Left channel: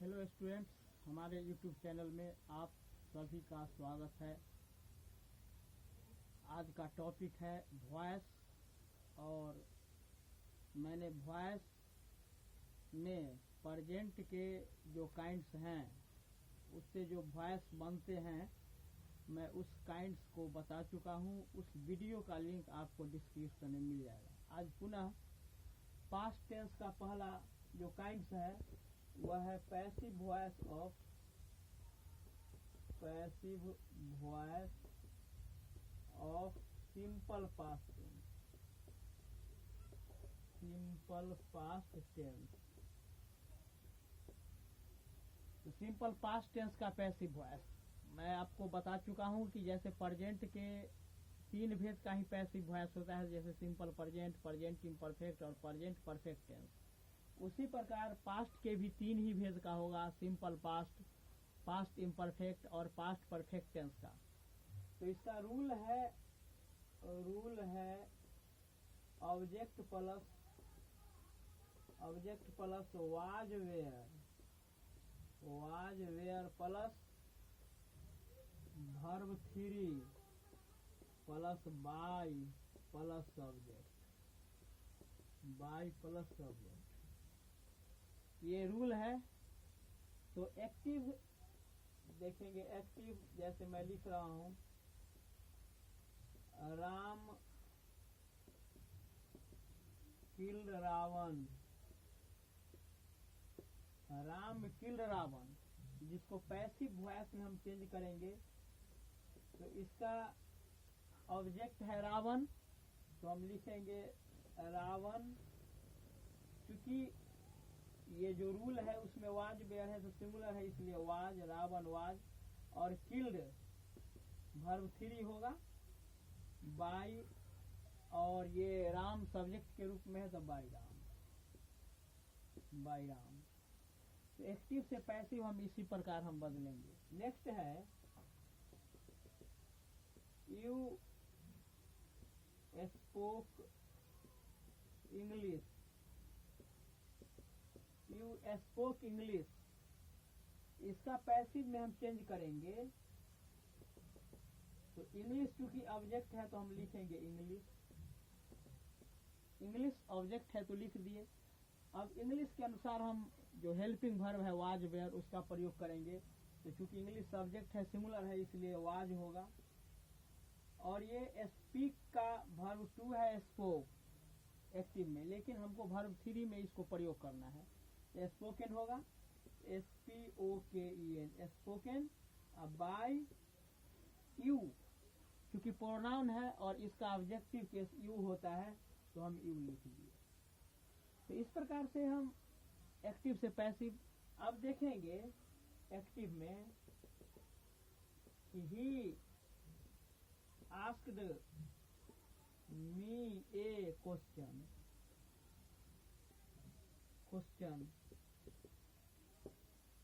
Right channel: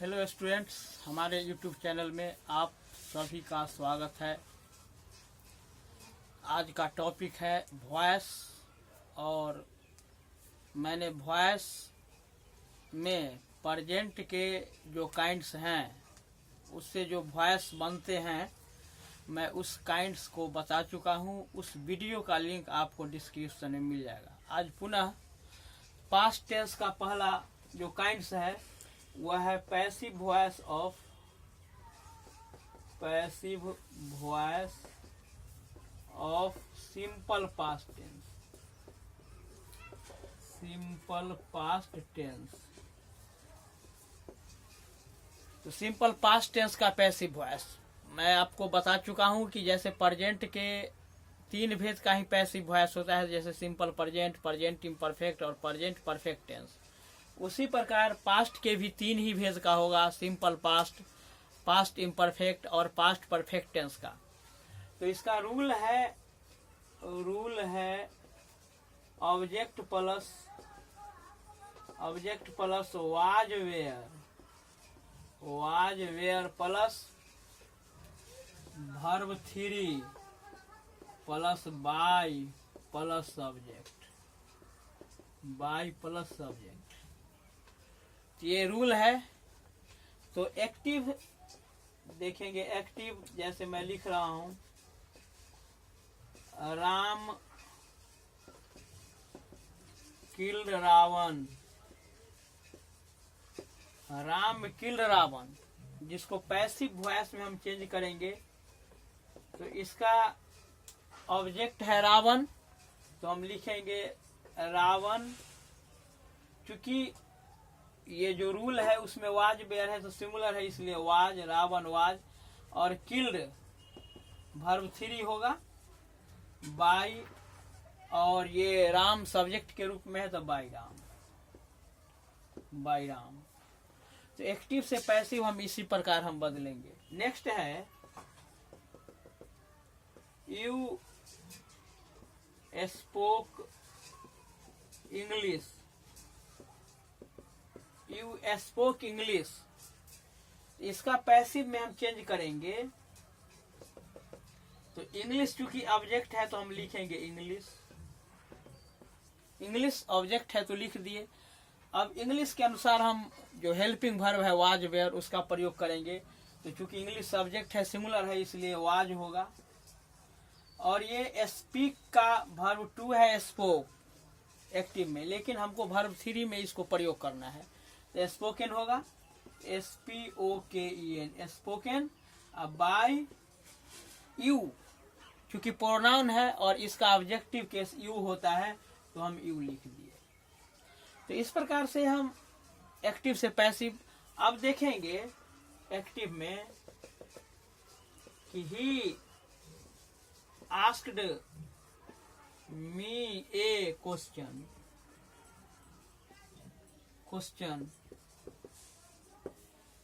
Hello students, हमारे YouTube channel में आप सभी का स्वागत है। आज का टॉपिक है वॉइस, और मैंने वॉइस में प्रेजेंट के जो काइंड्स हैं, उससे जो वॉइस बनते हैं, मैं उस काइंड्स को बता चुका हूँ। उस वीडियो का लिंक आपको डिस्क्रिप्शन में मिल जाएगा। आज पुनः पास्ट टेंस का पहला जो काइंड्स है वह है passive voice of simple past tense. तो सिंपल पास्ट टेंस का पैसिव वॉइस मैं आपको बता चुका हूं कि जैसे प्रेजेंट के तीन भेद का ही पैसिव वॉइस होता है, जैसे सिंपल प्रेजेंट, प्रेजेंट इम्परफेक्ट और प्रेजेंट परफेक्ट टेंस। उसी प्रकार पास्ट के भी तीन ही भेद का होगा, सिंपल पास्ट, पास्ट इम्परफेक्ट और पास्ट परफेक्ट टेंस का। तो इसका रूल है object plus was were plus verb three plus by plus subject. ये रूल है। तो एक्टिव देखेंगे, एक्टिव जैसे मैं लिख रहा हूं, राम किल्ड रावण, जिसको पैसिव वॉइस में हम चेंज करेंगे। तो इसका ऑब्जेक्ट है रावण, तो हम लिखेंगे रावण। चूंकि ये जो रूल है उसमें वाज बेयर है तो सिंगुलर है, इसलिए वाज, रावण वाज। और किल्ड वर्ब थ्री होगा, बाय, और ये राम सब्जेक्ट के रूप में है तो बाय राम। तो एक्टिव से पैसिव हम इसी प्रकार हम बदलेंगे। नेक्स्ट है यू स्पोक इंग्लिश। इसका पैसिव में हम चेंज करेंगे। तो इंग्लिश चूंकि ऑब्जेक्ट है तो हम लिखेंगे इंग्लिश ऑब्जेक्ट है तो लिख दिए। अब इंग्लिश के अनुसार हम जो हेल्पिंग वर्ब है वाज वेयर, उसका प्रयोग करेंगे। तो चूंकि इंग्लिश सब्जेक्ट है, सिंगुलर है, इसलिए वाज होगा। और ये स्पीक का वर्ब टू है, स्पोक एक्टिव में, लेकिन हमको वर्ब थ्री में इसको प्रयोग करना है, तो स्पोकन होगा, SPOKEN, स्पोकन। अब बाय यू, क्योंकि प्रोनाउन है और इसका ऑब्जेक्टिव केस यू होता है, तो हम यू लिख दिए। तो इस प्रकार से हम एक्टिव से पैसिव। अब देखेंगे एक्टिव में कि he asked me A question.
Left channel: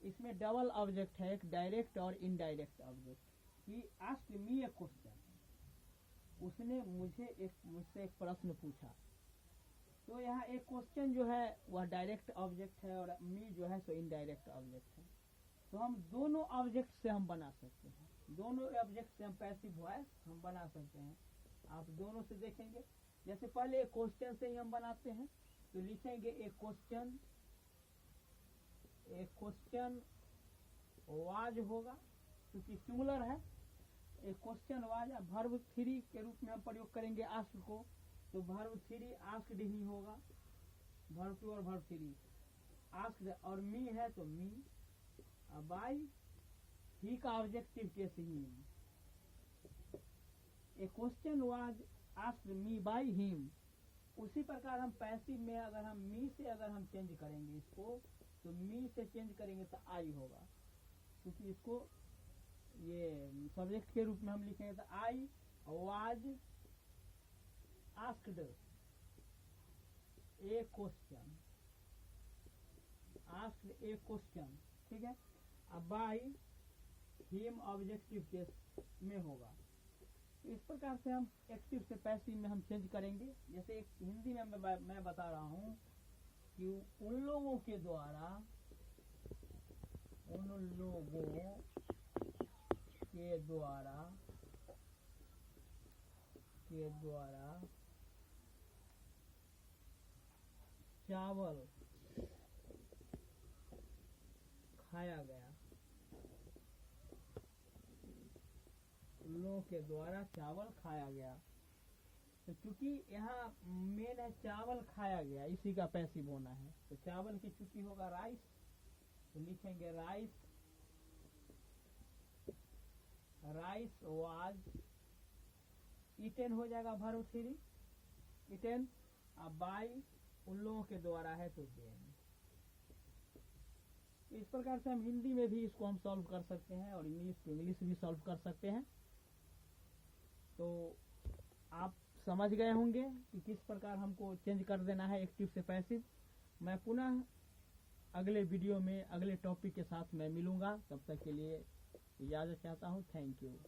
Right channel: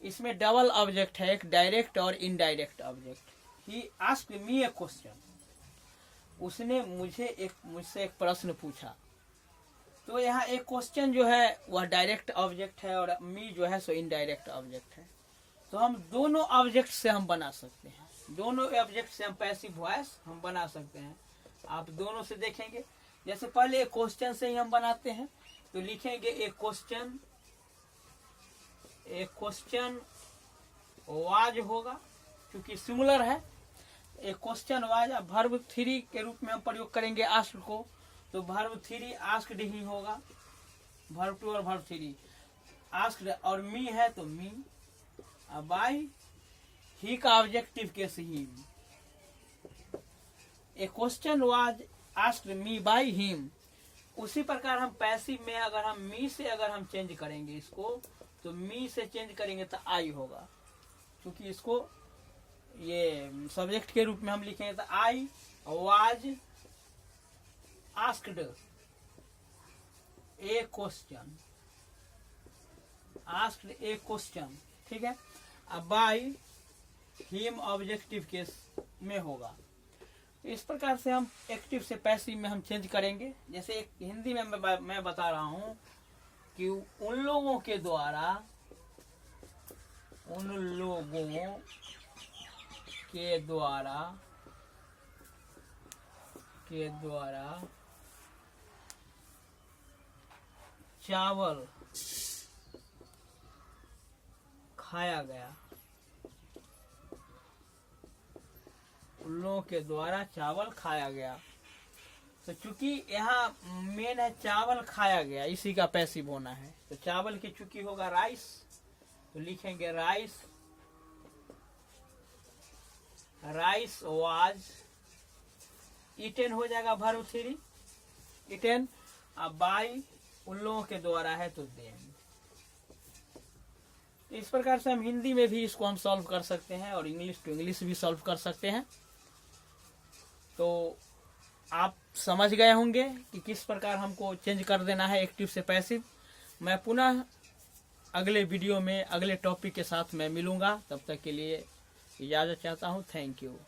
इसमें डबल ऑब्जेक्ट है, एक डायरेक्ट और indirect object. He asked me A question, उसने मुझसे एक प्रश्न पूछा। तो यहाँ एक क्वेश्चन जो है वह डायरेक्ट ऑब्जेक्ट है और मी जो है सो इनडायरेक्ट ऑब्जेक्ट है। तो हम दोनों ऑब्जेक्ट से हम बना सकते हैं, दोनों ऑब्जेक्ट से हम पैसिव वॉइस हम बना सकते हैं। आप दोनों से देखेंगे। जैसे पहले एक क्वेश्चन से ही हम बनाते हैं, तो लिखेंगे एक क्वेश्चन वाज होगा, क्योंकि सिंगुलर है। एक क्वेश्चन वाज। अब वर्ब थ्री के रूप में हम प्रयोग करेंगे आस्क को, तो वर्ब थ्री आस्क्ड ही होगा, वर्ब टू और वर्ब थ्री आस्क्ड। और मी है तो मी। अब बाय ही का objective case he. A question was asked me by him. उसी प्रकार हम पैसिव में अगर हम मी से अगर हम चेंज करेंगे इसको, तो मी से चेंज करेंगे तो आई होगा, क्योंकि इसको ये सब्जेक्ट के रूप में हम लिखेंगे। तो I was asked A question, ठीक है। अब बाय हिम ऑब्जेक्टिव केस में होगा। इस प्रकार से हम एक्टिव से पैसिव में हम चेंज करेंगे। जैसे एक हिंदी में मैं बता रहा हूं कि उन लोगों के द्वारा उन लोगों के द्वारा चावल खाया गया। उन लोगों के द्वारा चावल खाया गया। तो चूंकि यहाँ मेन है चावल खाया गया, इसी का पैसिव होना है। तो चावल की चूंकि होगा राइस, तो लिखेंगे राइस वाज ईटेन हो जाएगा वर्ब 3 ईटेन। अब बाई उन लोगों के द्वारा है तो देम। इस प्रकार से हम हिंदी में भी इसको हम सॉल्व कर सकते हैं और इंग्लिश टू इंग्लिश भी सॉल्व कर सकते हैं। तो आप समझ गए होंगे कि किस प्रकार हमको चेंज कर देना है एक्टिव से पैसिव। मैं पुनः अगले वीडियो में अगले टॉपिक के साथ मैं मिलूंगा। तब तक के लिए इजाज़त चाहता हूँ। Thank you.